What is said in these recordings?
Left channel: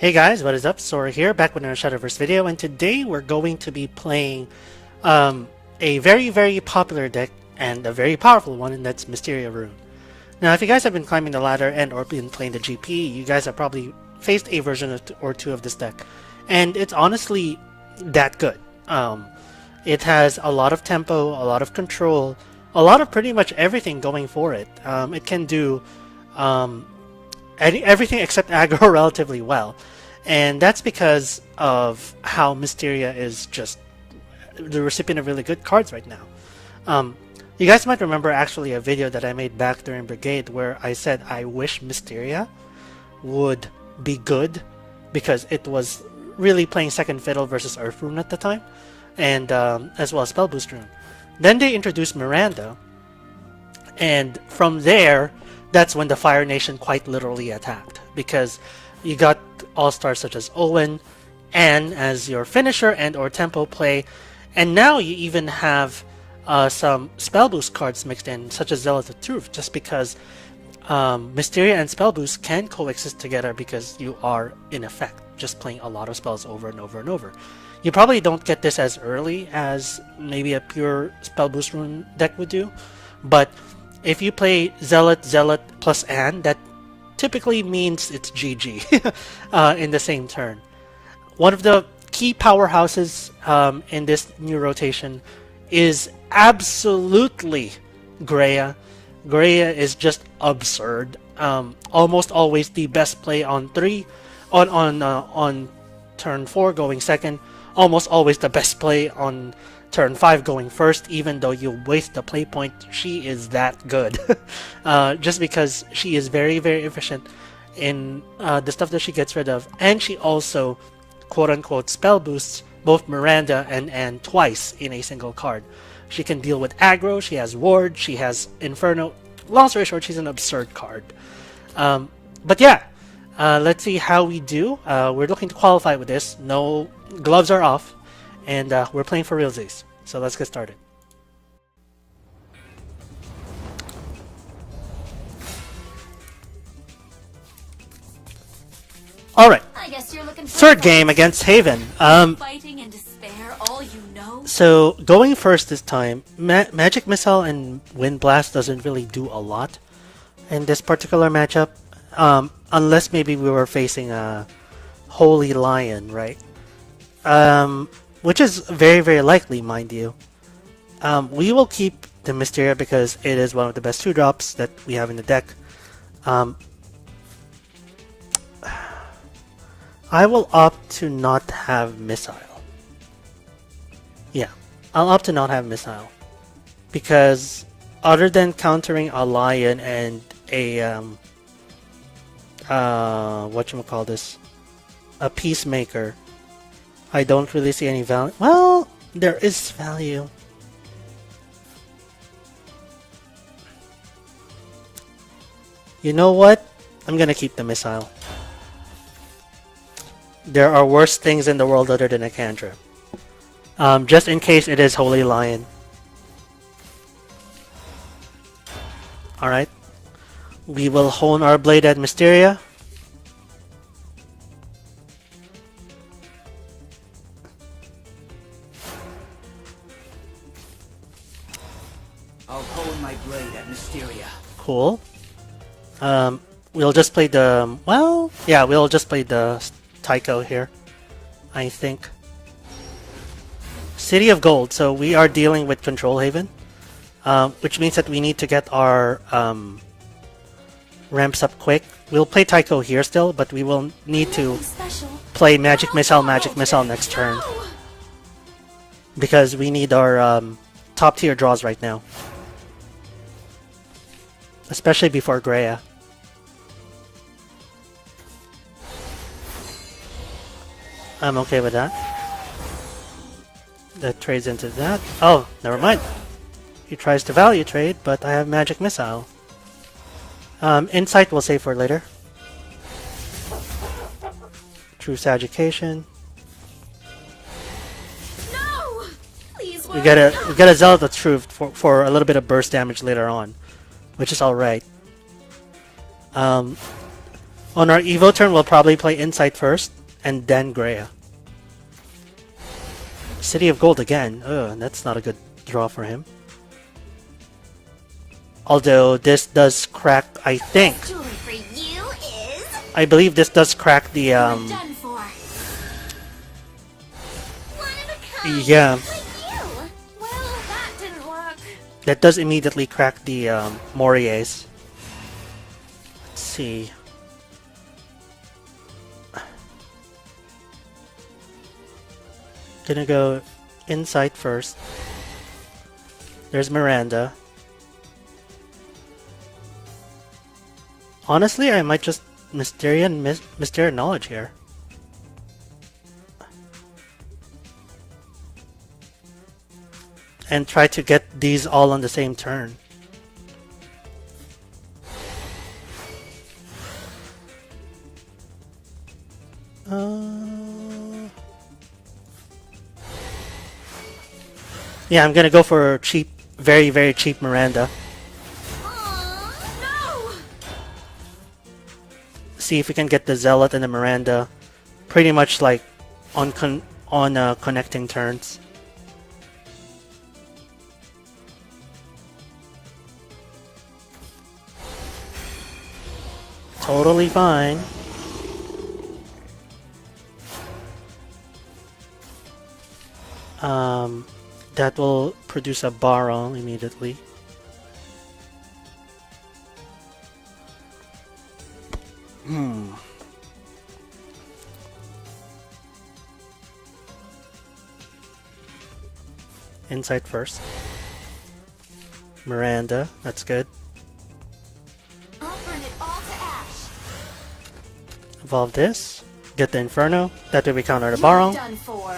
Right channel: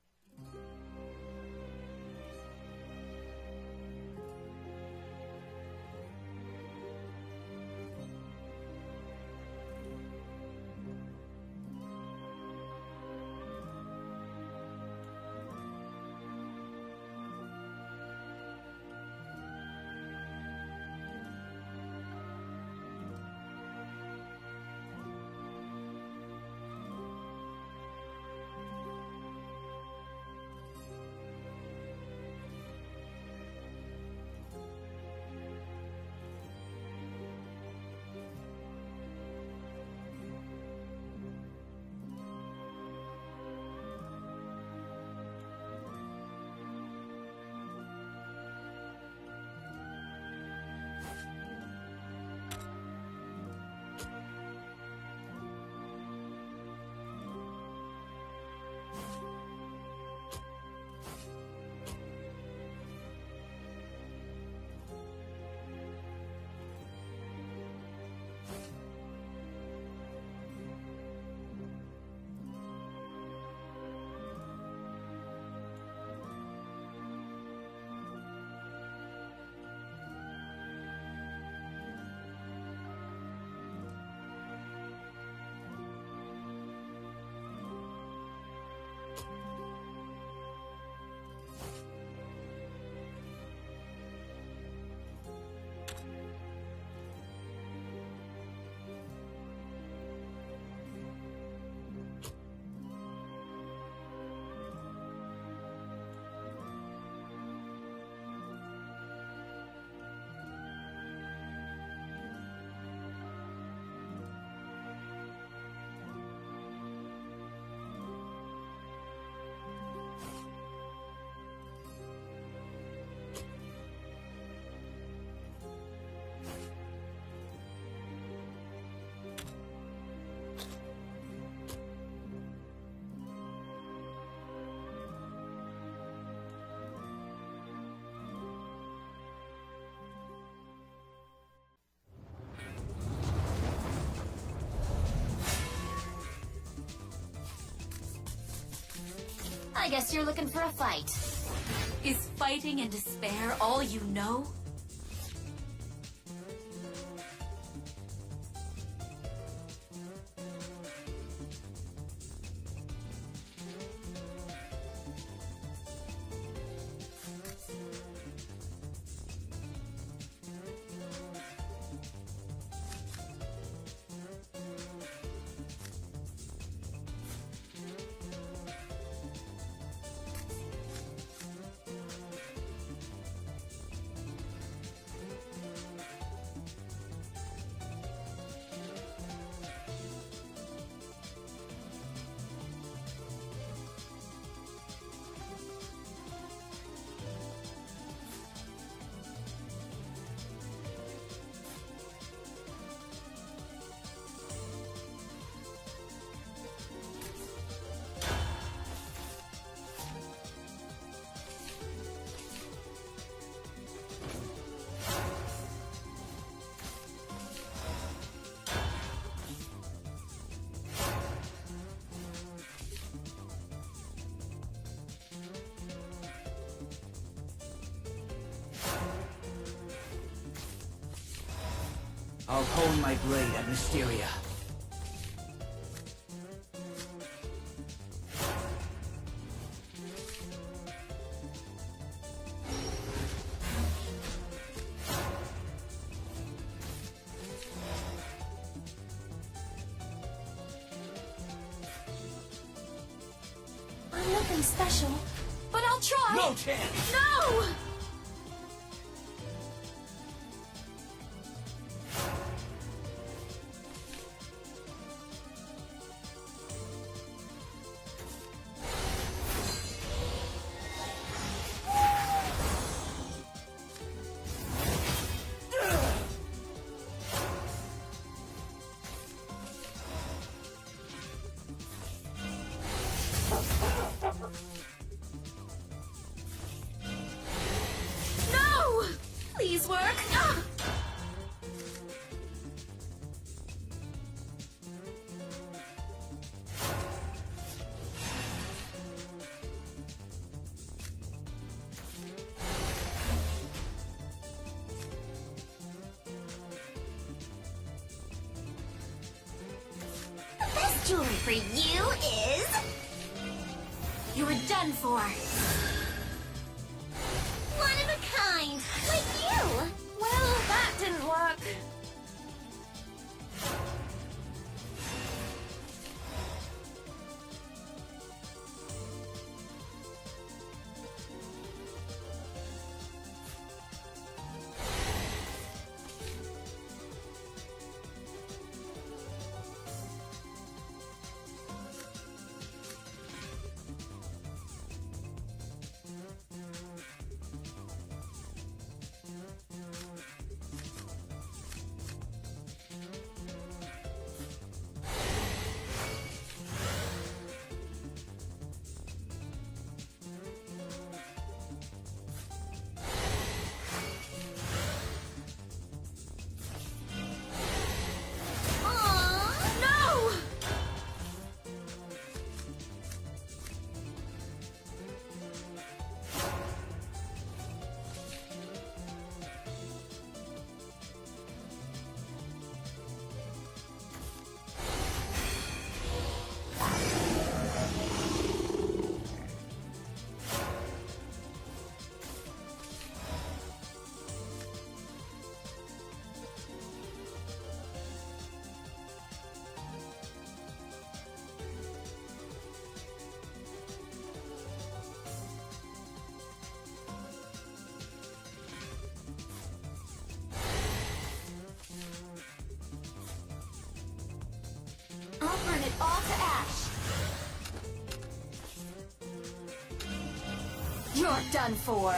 Hey guys, what is up? Sora here, back with another Shadowverse video, and today we're going to be playing a very popular deck and a very powerful one, and that's Mysteria Rune. Now, if you guys have been climbing the ladder and or been playing the GP, you guys have probably faced a version or two of this deck, and it's honestly that good. It has a lot of tempo, a lot of control, a lot of pretty much everything going for it. It can do everything except aggro relatively well. And that's because of how Mysteria is just the recipient of really good cards right now. You guys might remember actually a video that I made back during Brigade where I said I wish Mysteria would be good because it was really playing second fiddle versus Earth Rune at the time, and as well as Spell Boost Rune. Then they introduced Miranda, and from there, that's when the Fire Nation quite literally attacked, because you got all-stars such as Owen, Anne as your finisher and or tempo play, and now you even have some spell boost cards mixed in, such as Zealot of Truth, just because Mysteria and spell boost can coexist together because you are, in effect, just playing a lot of spells over and over and over. You probably don't get this as early as maybe a pure spell boost rune deck would do, but if you play Zealot plus Anne, that typically means it's GG in the same turn. One of the key powerhouses in this new rotation is absolutely Greya. Greya is just absurd. Almost always the best play on turn 4 going second. Almost always the best play on turn 5 going first, even though you waste the play point. She is that good. Just because she is very efficient in the stuff that she gets rid of, and she also quote-unquote spell boosts both Miranda and Anne twice in a single card. She can deal with aggro, she has ward, she has inferno. Long story short, she's an absurd card. But yeah, let's see how we do. We're looking to qualify with this. No gloves are off, and we're playing for realsies. So let's get started. Alright. I guess you're looking for third game against Haven. Fighting and despair, all you know? So going first this time, Magic Missile and Wind Blast doesn't really do a lot in this particular matchup. Unless maybe we were facing a Holy Lion, right? Which is very likely, mind you. We will keep the Mysteria because it is one of the best 2-drops that we have in the deck. I will opt to not have Missile. Yeah, I'll opt to not have Missile. Because other than countering a Lion and a whatchamacallit, a Peacemaker, I don't really see any value. Well, there is value. You know what? I'm gonna keep the Missile. There are worse things in the world other than a cantrip. Just in case it is Holy Lion. Alright. We will hone our blade at Mysteria. I'll hone my blade at Mysteria. Cool. We'll just play the... Well, yeah, we'll just play the Tycho here, I think. City of Gold. So we are dealing with Control Haven, which means that we need to get our ramps up quick. We'll play Tycho here still, but we will need to play Magic Missile next turn, because we need our top tier draws right now. Especially before Greya. I'm okay with that. That trades into that. Oh, never mind. He tries to value trade, but I have Magic Missile. Insight we'll save for later. True Education. No! Please, We get a Zealot of Truth for a little bit of burst damage later on, which is alright. On our Evo turn, we'll probably play Insight first, and then Greya. City of Gold again. Ugh, that's not a good draw for him. Although this does crack, I think. Jewelry for you is. I believe this does crack the You're done for. One of a kind. yeah, Like you. Well, that didn't work. that does immediately crack the Moriers. Let's see. Gonna go Insight first. There's Miranda. Honestly, I might just Mysteria and Mysteria Knowledge here. And try to get these all on the same turn. Yeah, I'm gonna go for cheap, very, very cheap Miranda. Aw, no. See if we can get the Zealot and the Miranda pretty much like on connecting turns. Totally fine. That will produce a Baron immediately. Insight first. Miranda, that's good. I'll burn it all to ash. Evolve this. Get the Inferno. That way we counter the You're Baron. done for.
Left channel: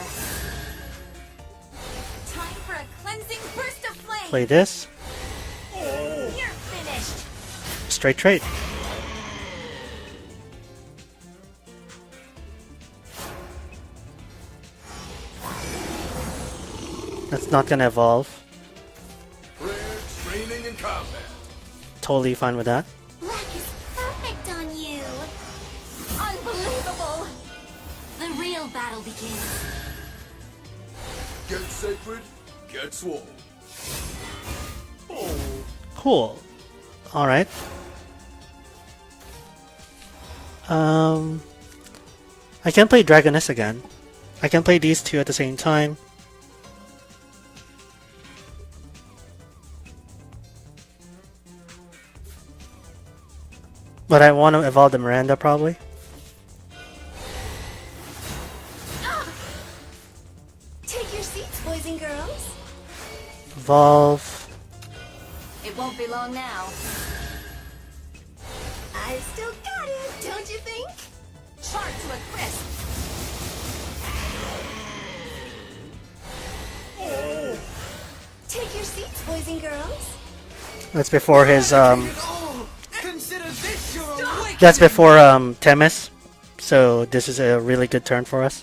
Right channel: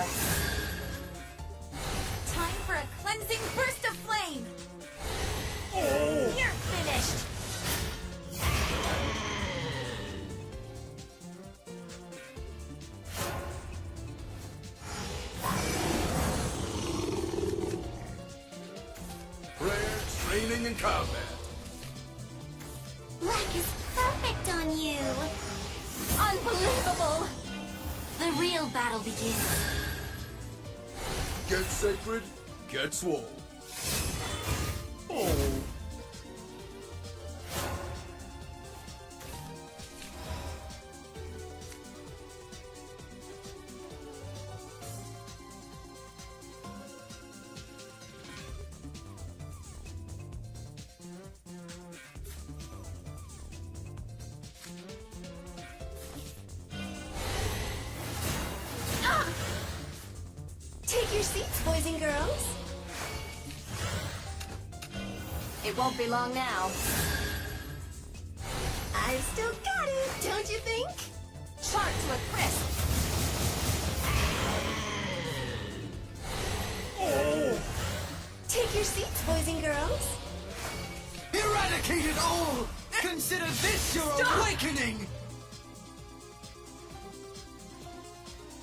Time for a cleansing burst of flame. Play this. You're finished. Straight trade. That's not gonna evolve. Prayer, training, and combat. Totally fine with that. Black is perfect on you. Unbelievable. The real battle begins. Get sacred, get swole. Oh. Cool. Alright. I can play Dragoness again. I can play these two at the same time. But I want to evolve the Miranda probably. Take your seats, boys and girls. Evolve. It won't be long now. I still got it, don't you think? Charge to a crisp. Take your seats, boys and girls. That's before his Consider this your awakening. that's before Temis. So this is a really good turn for us.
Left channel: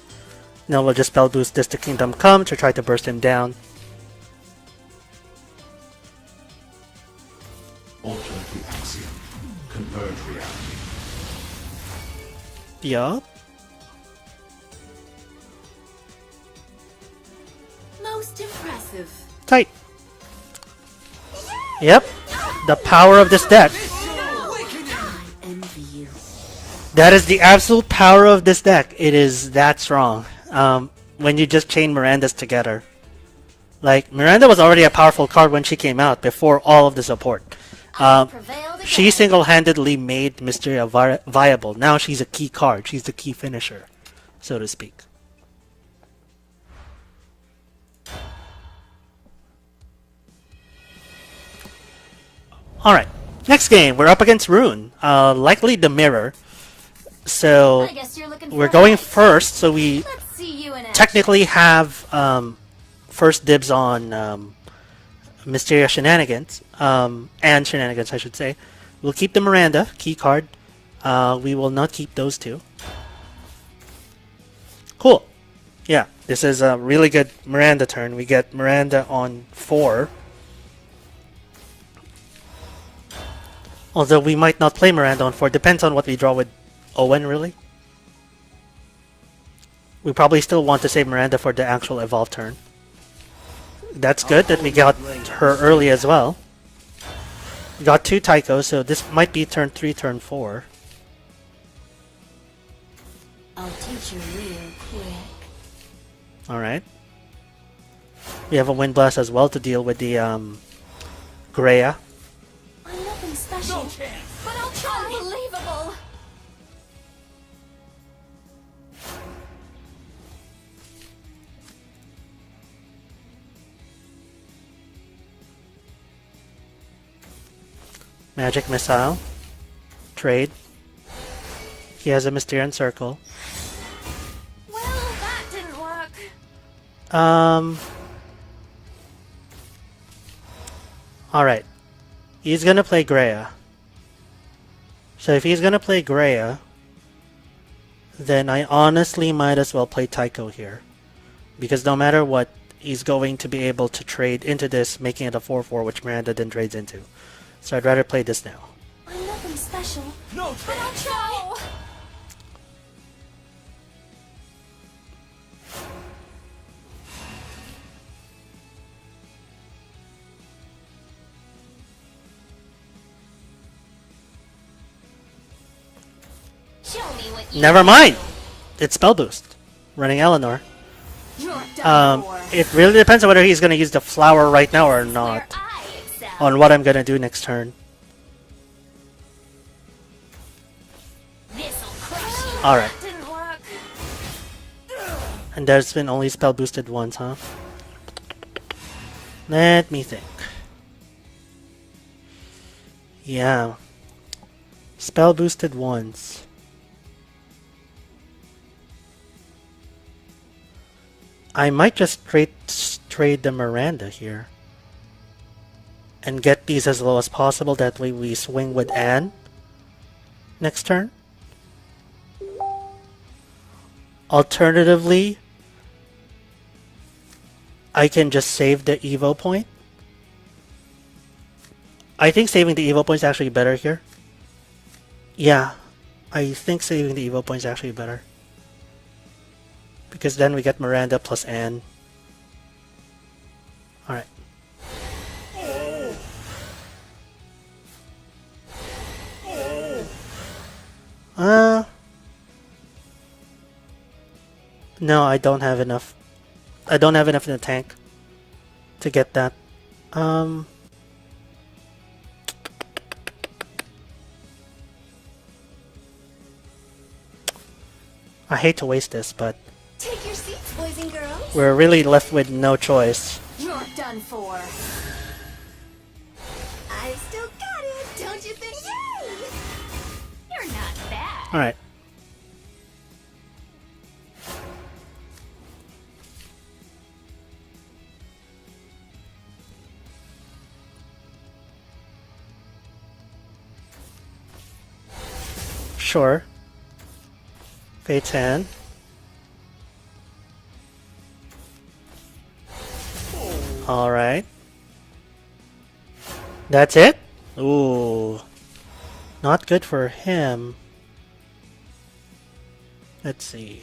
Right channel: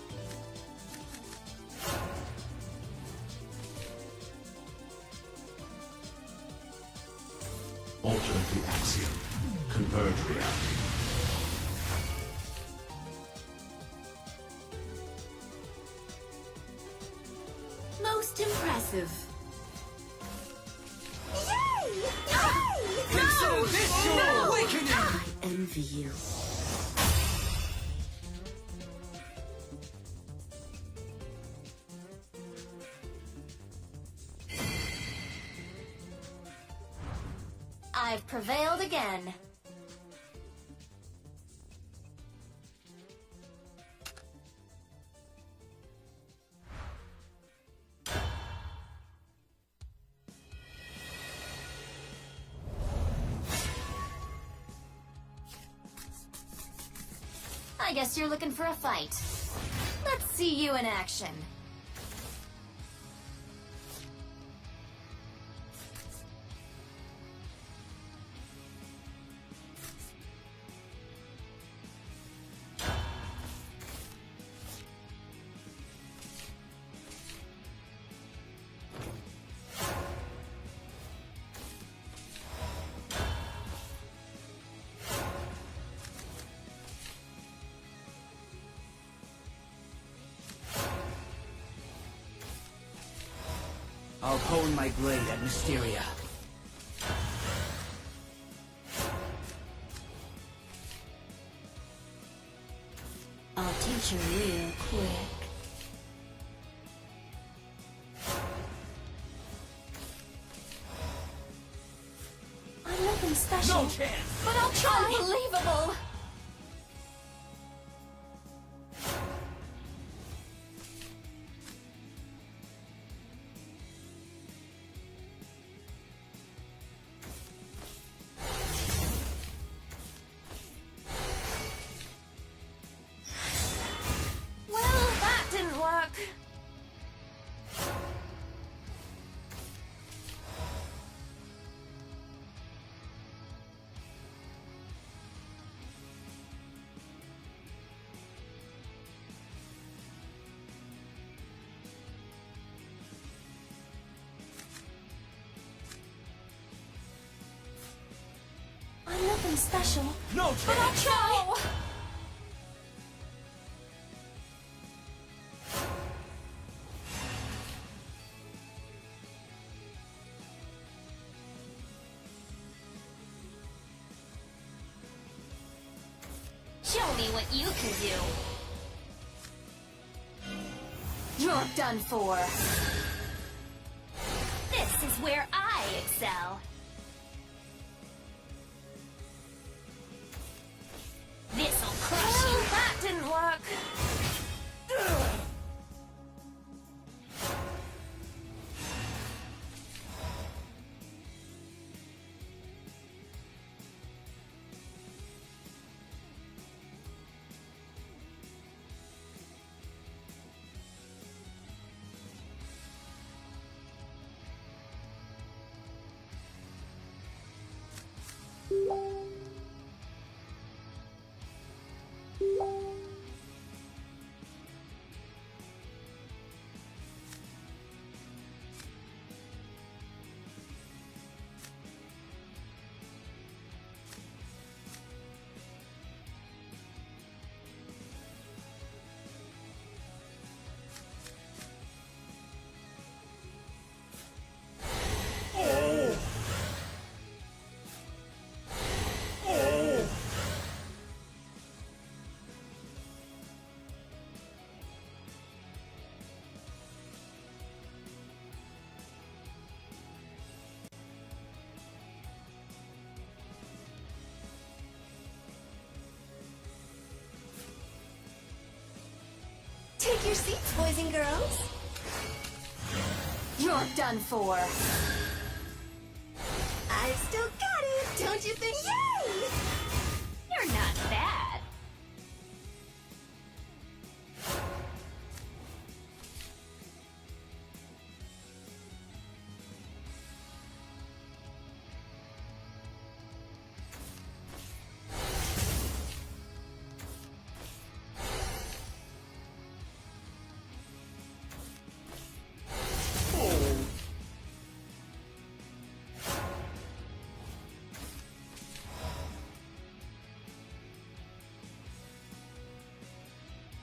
Now we'll just spell boost this to Kingdom Come to try to burst him down. Alter the axiom. Converge reality. Yup. Most impressive. Tight. Yep. The power of this deck. Envy you. That is the absolute power of this deck. It is that strong. When you just chain Mirandas together. Like, Miranda was already a powerful card when she came out, before all of the support. Prevailed She again. single-handedly made Mysteria viable. Now she's a key card. She's the key finisher, so to speak. Alright, next game. We're up against Rune. Likely the mirror. So, I guess you're looking for we're a going fight. first, so we Let's see you in action. technically have first dibs on Mysteria shenanigans, and shenanigans I should say. We'll keep the Miranda, key card. We will not keep those two. Cool. Yeah, this is a really good Miranda turn. We get Miranda on 4. Although we might not play Miranda on 4, depends on what we draw with Owen, really? We probably still want to save Miranda for the actual evolve turn. That's good that we got her early as well. We got 2 Tychos, so this might be turn 3, turn 4. I'll teach you real quick. Alright. We have a Wind Blast as well to deal with the Greya. I'm nothing special, but I'll try. Unbelievable! Magic Missile. Trade. He has a Mysterian Circle. Well, that didn't work. Alright. He's gonna play Greya. So if he's gonna play Greya, then I honestly might as well play Tycho here. Because no matter what, he's going to be able to trade into this, making it a 4-4, which Miranda then trades into. So I'd rather play this now. I'm nothing special, No but I'll try. Show me what you Never can mind! do. It's Spell Boost. Running Eleanor. You're done for. It really depends on whether he's gonna use the flower right now or This is where not. I excel. On what I'm gonna do next turn. This'll crush you. Alright. That didn't work. And there's been only spell boosted once, huh? Let me think. Yeah. Spell boosted once. I might just trade the Miranda here. And get these as low as possible. That way we swing with Anne next turn. Alternatively, I can just save the Evo point. I think saving the Evo point is actually better here. Yeah, I think saving the Evo point is actually better. Because then we get Miranda plus Anne. Alright. No, I don't have enough. I don't have enough in the tank to get that. I hate to waste this, but Take your seats, boys and girls. we're really left with no choice. You're done for. I've still got it, don't you think? Yay! You're not bad. Alright. Sure. Fate's Hand. Alright. That's it? Ooh. Not good for him. Let's see.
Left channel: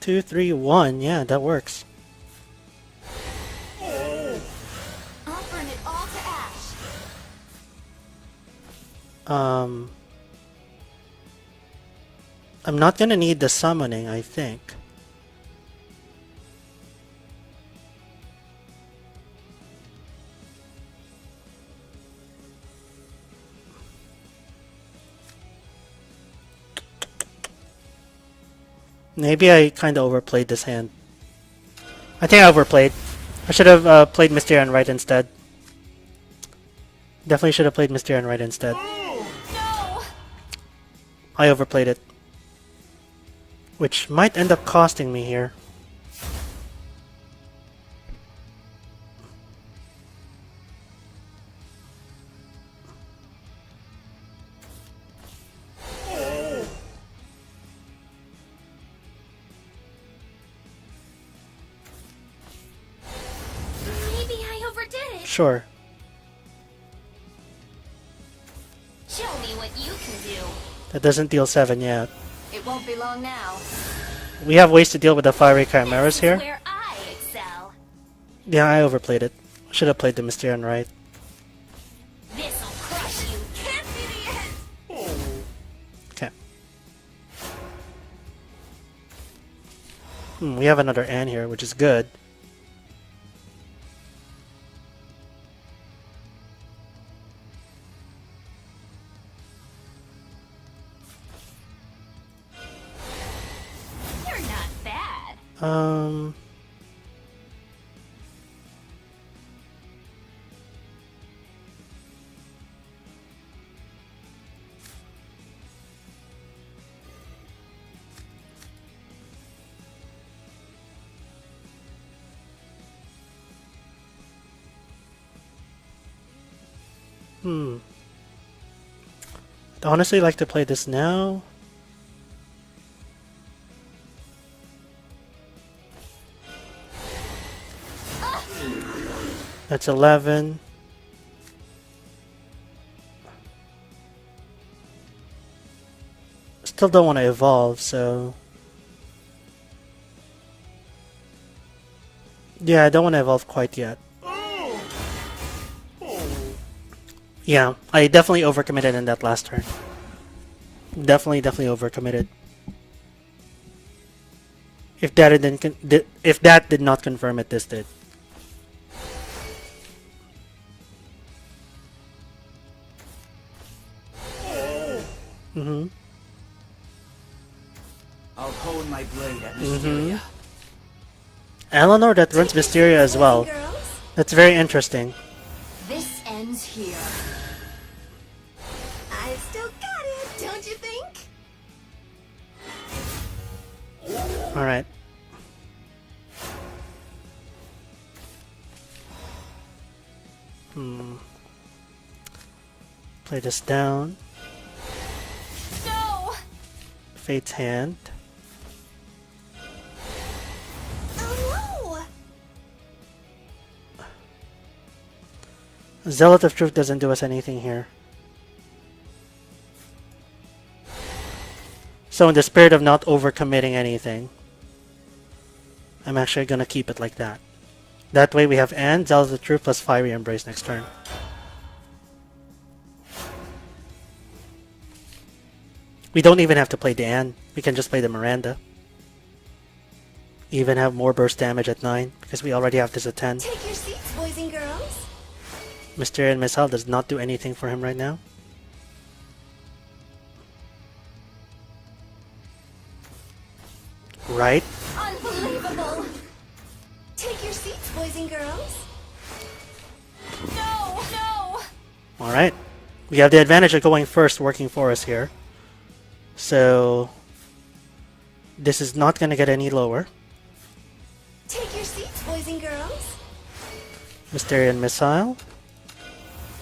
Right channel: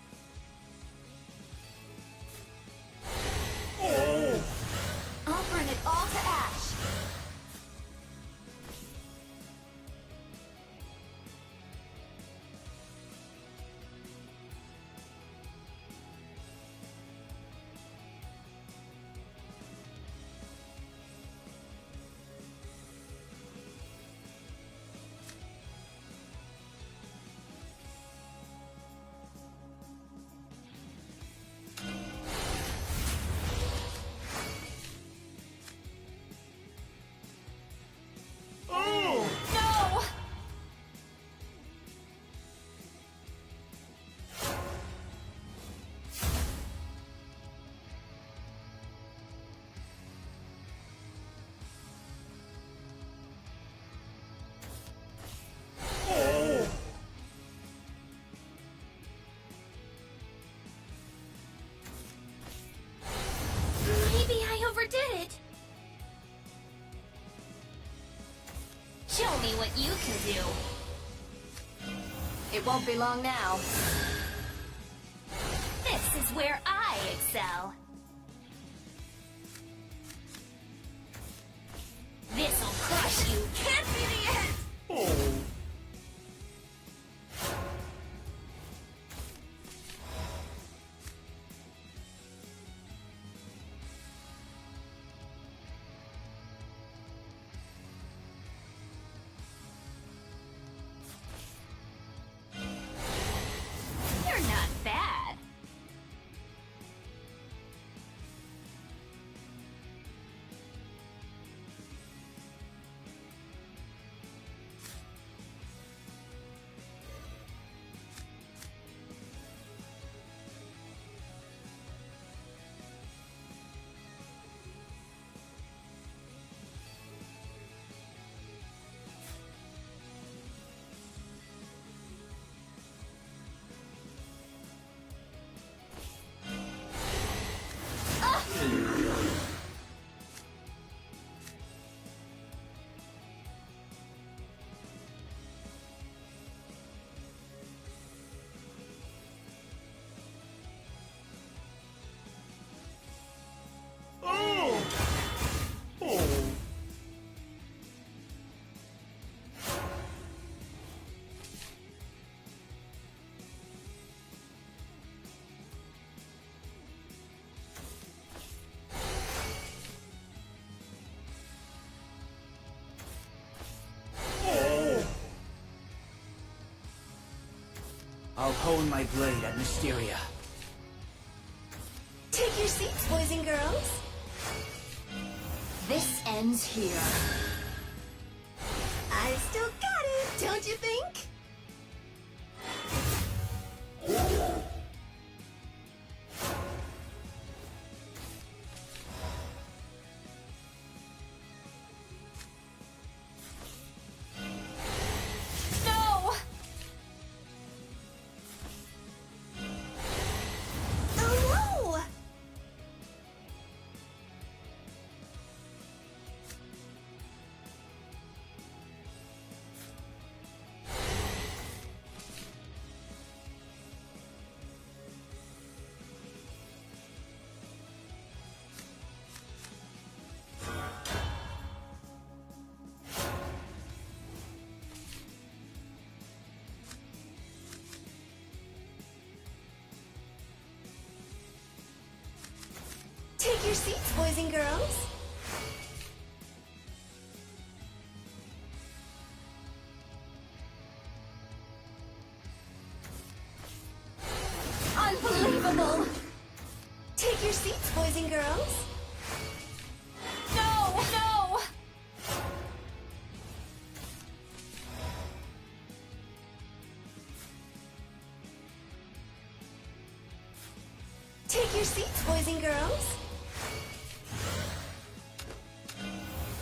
Two, 3, 1. Yeah, that works. I'll burn it all to ash. I'm not gonna need the summoning, I think. Maybe I kind of overplayed this hand. I think I overplayed. I should have played Mysteria right instead. Definitely should have played Mysteria right instead. No! I overplayed it. Which might end up costing me here. Maybe I overdid it. Sure. Show me what you can do. That doesn't deal 7 yet. It won't be long now. We have ways to deal with the fiery chimeras This is here. where I excel. Yeah, I overplayed it. Should have played the Mysterian right. This'll crush you. Can't be the end. Okay. We have another Anne here, which is good. You're not bad. I'd honestly like to play this now. That's 11. Still don't want to evolve, so... Yeah, I don't want to evolve quite yet. Yeah, I definitely overcommitted in that last turn. Definitely overcommitted. If that did not confirm it, this did. I'll hone my blade at Mysteria. Eleanor that runs Mysteria as well. Girls, That's very interesting. this ends here. I still got it, don't you think? Alright. Play this down. No! Fate's Hand. Oh no! Zealot of Truth doesn't do us anything here. So in the spirit of not overcommitting anything, I'm actually gonna keep it like that. That way we have Anne, Zealot of Truth plus Fiery Embrace next turn. We don't even have to play the Anne. We can just play the Miranda. Even have more burst damage at 9 because we already have this at 10. Take your seats, boys and girls. Mysterian Missile does not do anything for him right now. Right? Unbelievable! Take your seats, boys and girls. No! No! Alright. We have the advantage of going first, working for us here. So... this is not going to get any lower. Take your seats, boys and girls. Mysterian Missile.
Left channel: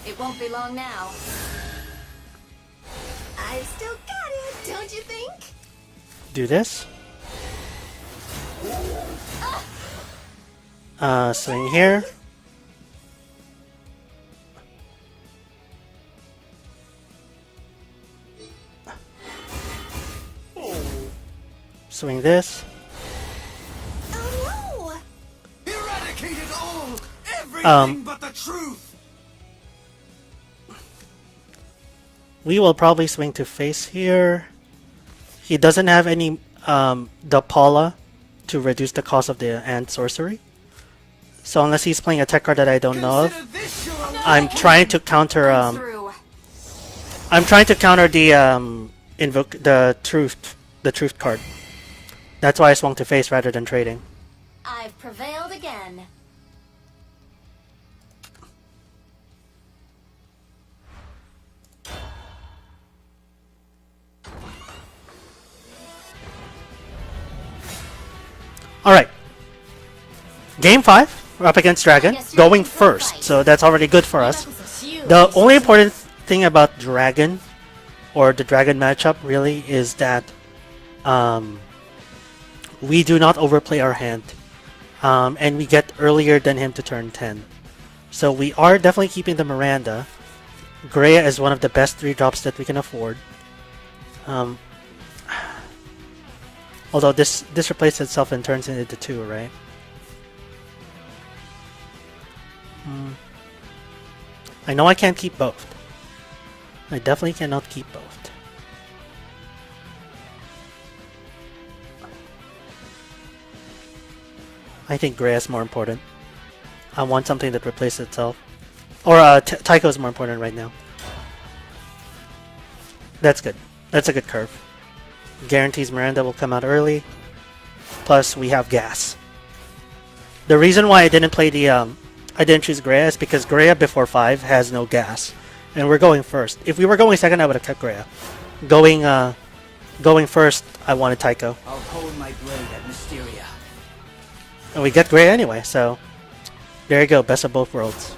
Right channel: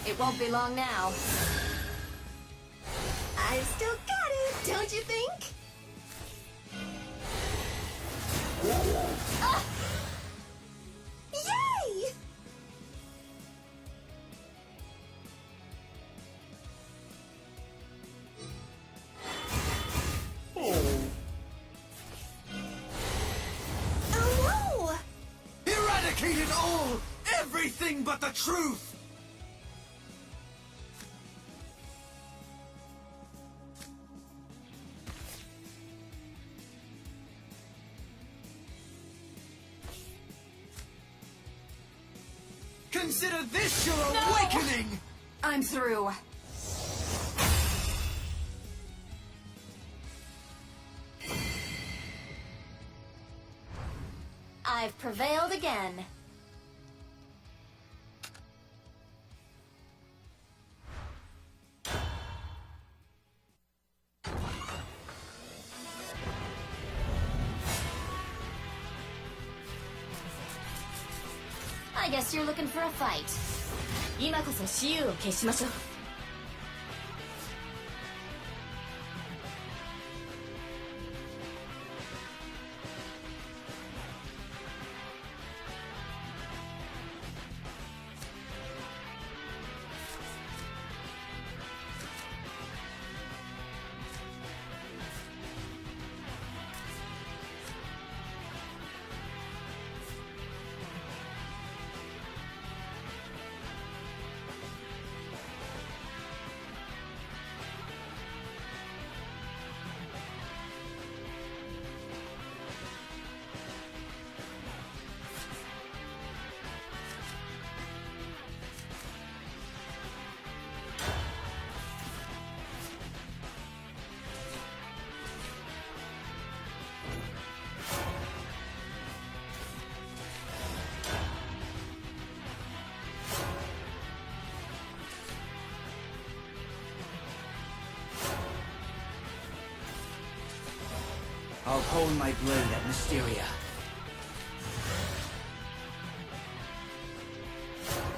It won't be long now. I still got it, don't you think? Do this. Swing here. Swing this. Oh no! Eradicated all! Everything but the truth! We will probably swing to face here. He doesn't have any the Paula to reduce the cost of the Ant Sorcery. So unless he's playing a tech card that I don't know of, Consider this your I'm trying to counter I'm through. I'm trying to counter the invoke the truth card. That's why I swung to face rather than trading. I've prevailed again. Alright. Game 5. We're up against Dragon. Guess you're Going looking for a first. fight. So that's already good for us. Knuckles are huge. The only important thing about Dragon, or the Dragon matchup really, is that we do not overplay our hand. And we get earlier than him to turn 10. So we are definitely keeping the Miranda. Greya is one of the best 3-drops that we can afford. Although this replaces itself and turns into 2, right? I know I can't keep both. I definitely cannot keep both. I think Greya is more important. I want something that replaces itself. Or Tycho is more important right now. That's good. That's a good curve. Guarantees Miranda will come out early. Plus we have gas. The reason why I didn't play the I didn't choose Greya is because Greya before 5 has no gas. And we're going first. If we were going second, I would have kept Greya. Going first, I wanted Tycho. I'll hold my blade at Mysteria. And we get Greya anyway, so there you go, best of both worlds.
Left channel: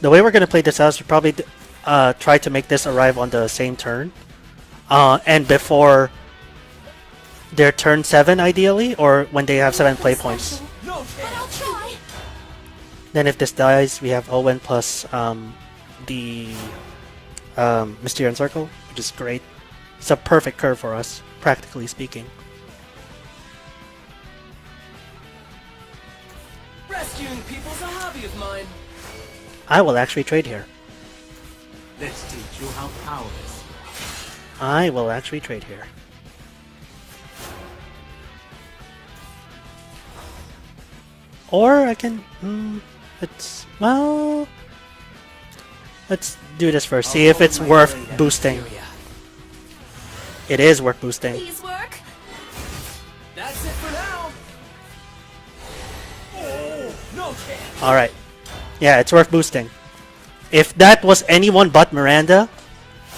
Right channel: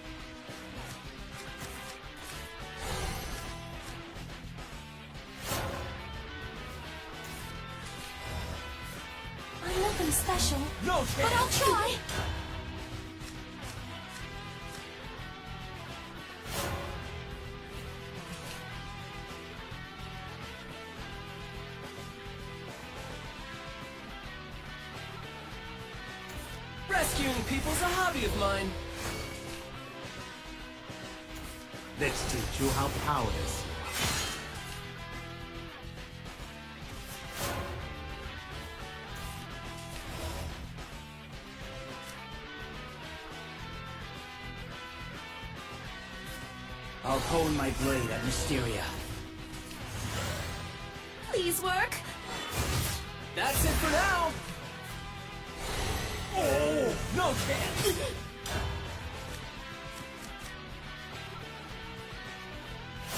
The way we're going to play this out is to probably try to make this arrive on the same turn. And before their turn 7, ideally, or when they have 7 play points. No But I'll try. Then if this dies, we have Owen plus the Mysterian Circle, which is great. It's a perfect curve for us, practically speaking. Rescuing people's a hobby of mine. I will actually trade here. Let's teach you how powerless. I will actually trade here. Or I can... well... Let's do this first. See if it's worth boosting. It is worth boosting. Please work. That's it for now. Oh, no chance. Alright. Yeah, it's worth boosting. If that was anyone but Miranda,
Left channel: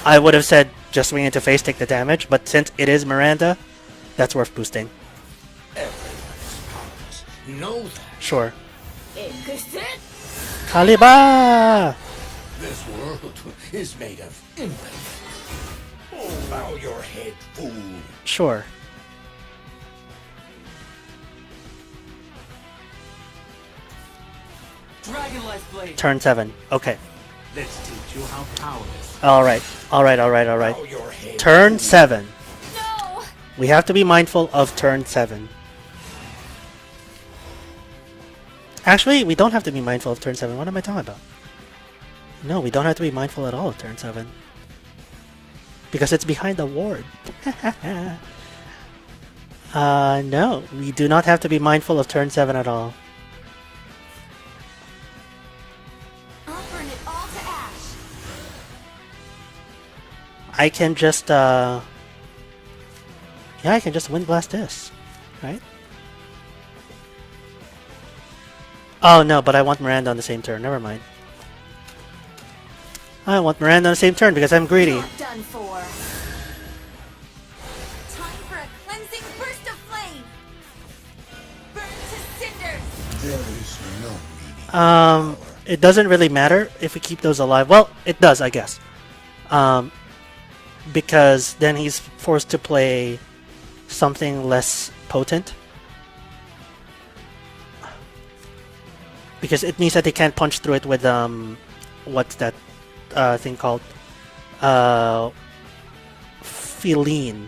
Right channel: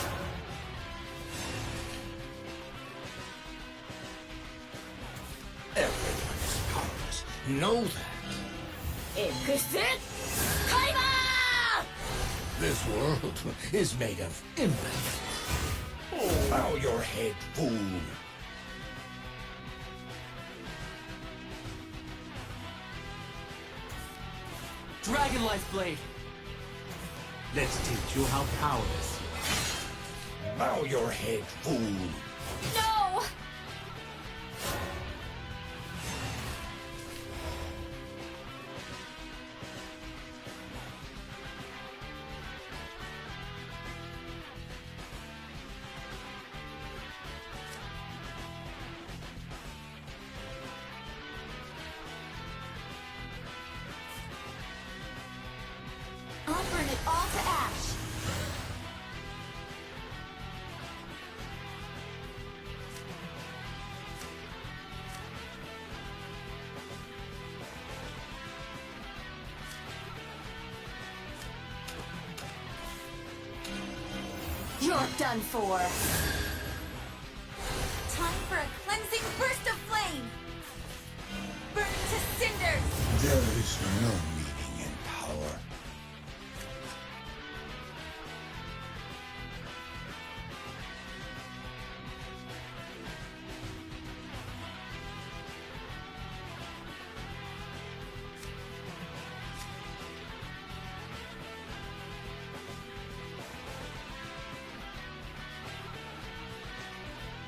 I would have said just swing into face, take the damage. But since it is Miranda, that's worth boosting. Everyone's powerless. Know that. Sure. Exit. Kaliba! This world is made of impotence. Oh, bow your head, fool. Sure. Dragon Life Blade. Turn 7. Okay. Let's teach you how powerless. Alright. Alright. Bow your head, Turn fool. 7. No. We have to be mindful of turn 7. Actually, we don't have to be mindful of turn 7. What am I talking about? No, we don't have to be mindful at all of turn 7. Because it's behind the ward. No. We do not have to be mindful of turn 7 at all. I'll burn it all to ash. I can just, yeah, I can just Wind Blast this. Right? Oh, no, but I want Miranda on the same turn. Never mind. I want Miranda on the same turn because I'm greedy. You're done for. Time for a cleansing burst of flame. Burn to cinders. There is no meaning. It doesn't really matter if we keep those alive. Well, it does, I guess. Because then he's forced to play something less potent. Because it means that they can't punch through it with, what's that thing called? Feline.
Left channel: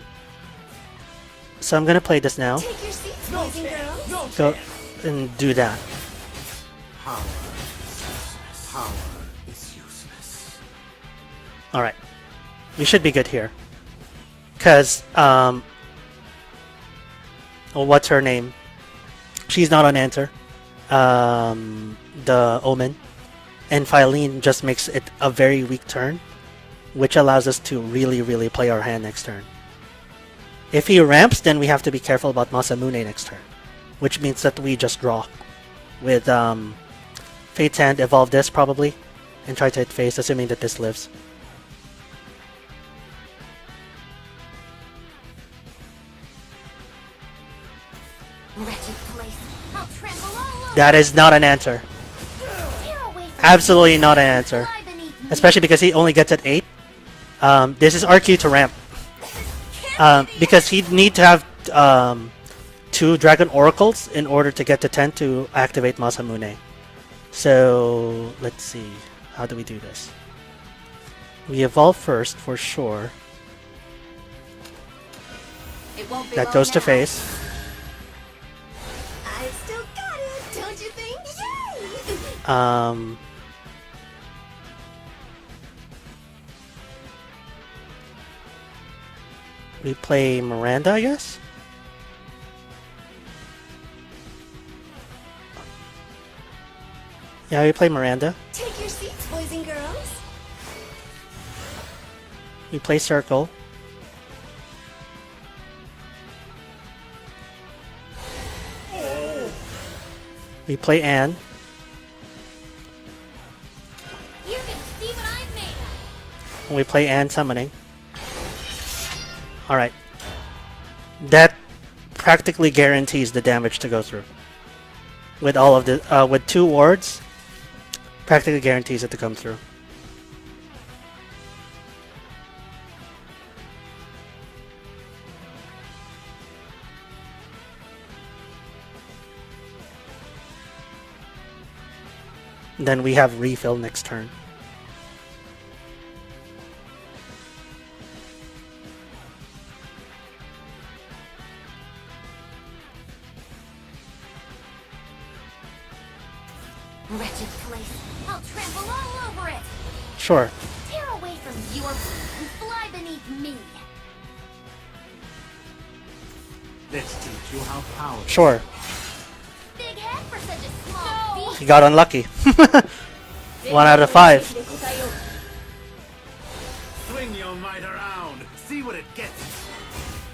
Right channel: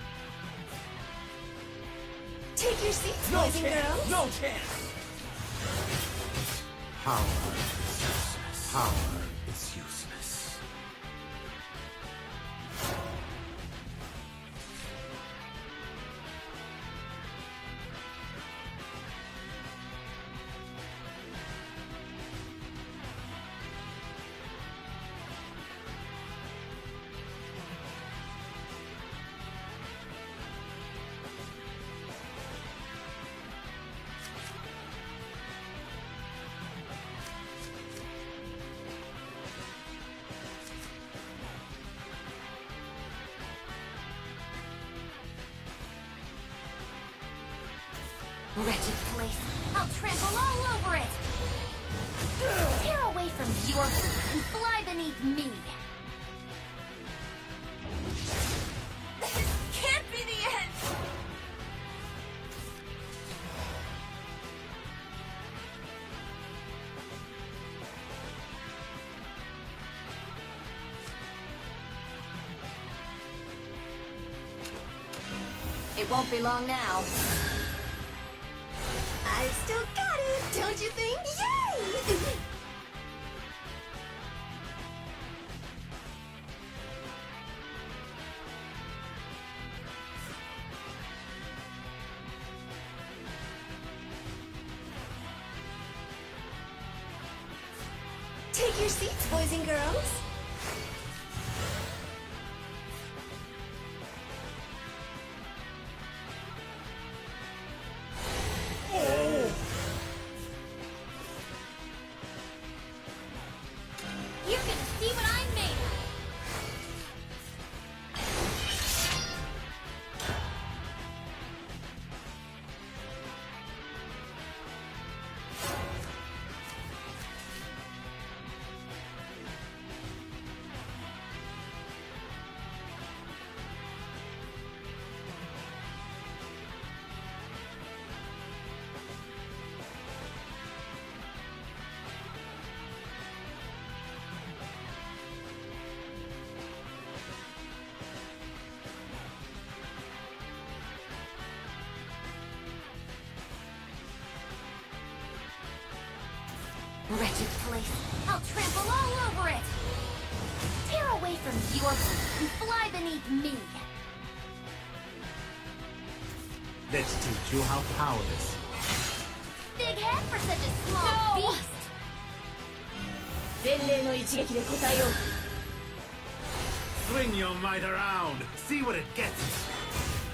So I'm gonna play this now. Take your seats, boys and girls. No So, chance. and do that. Power is useless. Power is useless. Alright. We should be good here. Because, well, what's her name? She's not on answer. The Omen. And Phylene just makes it a very weak turn, which allows us to really, really play our hand next turn. If he ramps, then we have to be careful about Masamune next turn, which means that we just draw with Fate's Hand, evolve this probably, and try to hit face, assuming that this lives. Wretched place. I'll trample all over. That is not an answer. Tear away from Absolutely not an answer. Lie beneath me. Especially because he only gets at 8. This is RQ to ramp. Because he'd need to have 2 Dragon Oracles in order to get to 10 to activate Masamune. So let's see. How do we do this? We evolve first for sure. It won't be That long goes to now. face. I've still got it, don't you think? Yay! We play Miranda, I guess? Yeah, we play Miranda. Take your seats, boys and girls. We play Circle. We play Anne. You're gonna see what I'm made of. And we play Anne Summoning. Alright. That practically guarantees the damage to go through. With all of the with 2 wards, practically guarantees it to come through. Then we have refill next turn. Wretched place. I'll trample all over it. Sure. Tear away from your feet and fly beneath me. Let's teach you how power. Sure. Big head for such a small beast. You got unlucky. 1 out of 5. Swing your might around. See what it gets.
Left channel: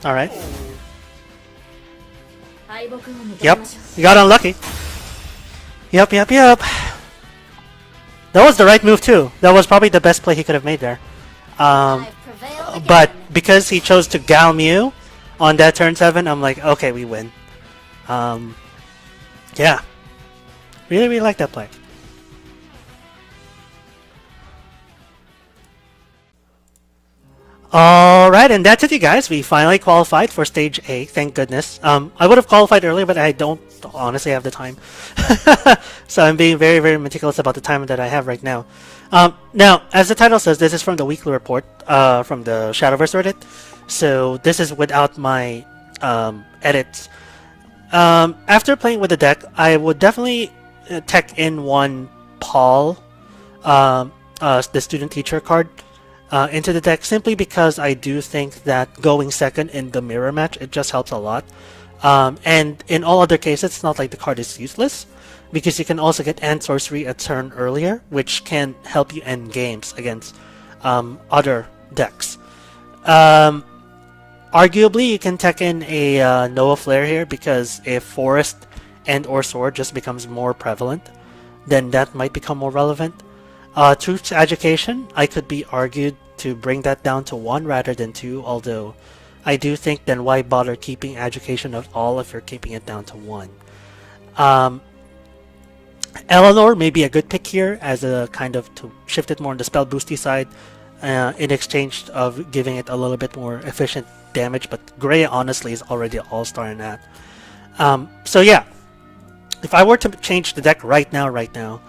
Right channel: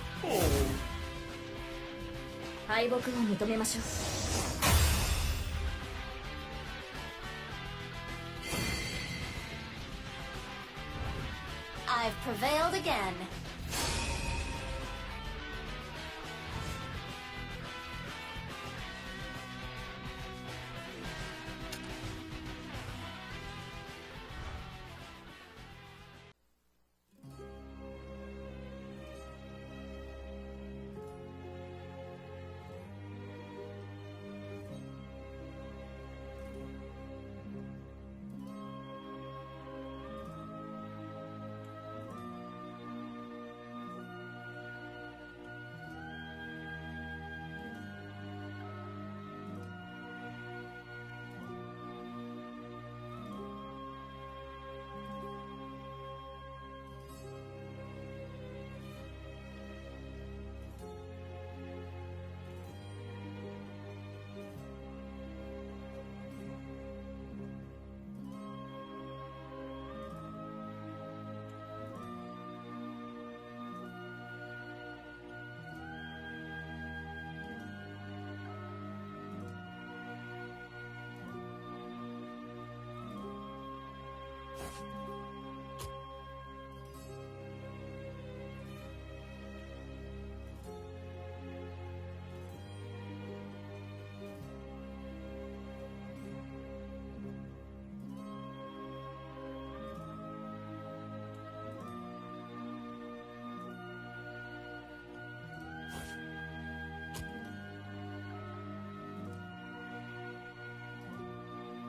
Alright. Yep. You got unlucky. Yep. That was the right move too. That was probably the best play he could have made there. I've prevailed again. But because he chose to Gal Mew on that turn 7, I'm like, okay, we win. Yeah. Really like that play. Alright, and that's it, you guys. We finally qualified for Stage A, thank goodness. I would have qualified earlier, but I don't honestly have the time. So I'm being very, very meticulous about the time that I have right now. Now, as the title says, this is from the weekly report from the Shadowverse Reddit. So this is without my edits. After playing with the deck, I would definitely tech in one Paul, the student-teacher card, into the deck, simply because I do think that going second in the mirror match, it just helps a lot. And in all other cases, it's not like the card is useless, because you can also get Ant Sorcery a turn earlier, which can help you end games against other decks. Arguably, you can tech in a Noah Flare here, because if Forest and or Sword just becomes more prevalent, then that might become more relevant. Truth's Education, I could be argued to bring that down to 1 rather than 2, although I do think then why bother keeping Education at all if you're keeping it down to 1. Eleanor may be a good pick here as a kind of to shift it more on the spell boosty side in exchange of giving it a little bit more efficient damage, but Gray honestly is already an all-star in that. So yeah, if I were to change the deck right now,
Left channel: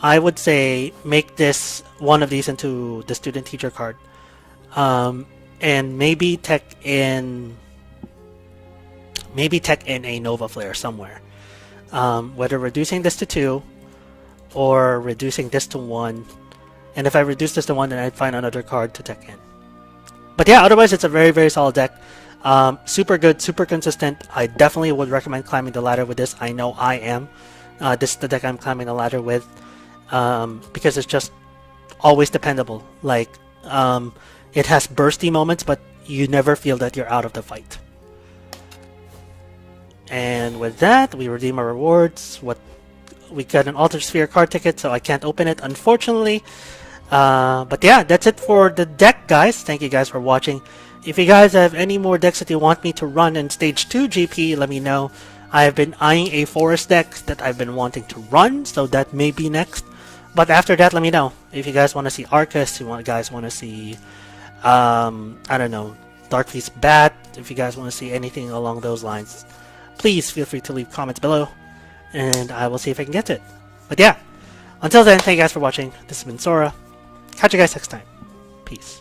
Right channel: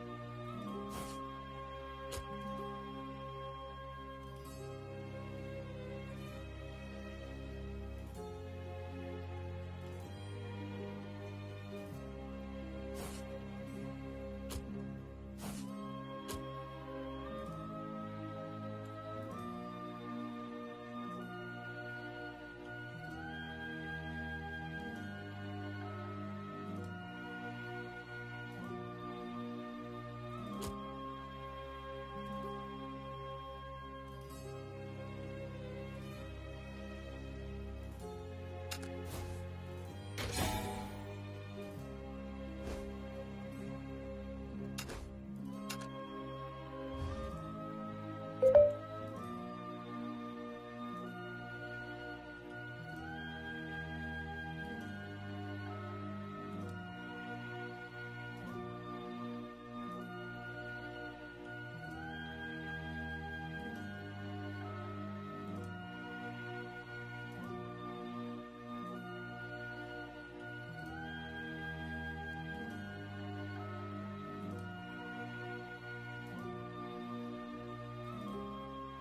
I would say make this one of these into the student-teacher card, and maybe tech in a Nova Flare somewhere. Whether reducing this to 2 or reducing this to 1, and if I reduce this to 1, then I'd find another card to tech in. But yeah, otherwise it's a very, very solid deck. Super good, super consistent. I definitely would recommend climbing the ladder with this. I know I am. This is the deck I'm climbing the ladder with, because it's just always dependable. Like, it has bursty moments, but you never feel that you're out of the fight. And with that, we redeem our rewards. We got an Altered Sphere card ticket, so I can't open it, unfortunately. But yeah, that's it for the deck, guys. Thank you guys for watching. If you guys have any more decks that you want me to run in Stage 2 GP, let me know. I have been eyeing a Forest deck that I've been wanting to run, so that may be next. But after that, let me know. If you guys want to see Arcus, you guys want to see, I don't know, Dark Feast Bat, if you guys want to see anything along those lines, please feel free to leave comments below, and I will see if I can get to it. But yeah, Until then, thank you guys for watching. This has been Sora. Catch you guys next time. Peace.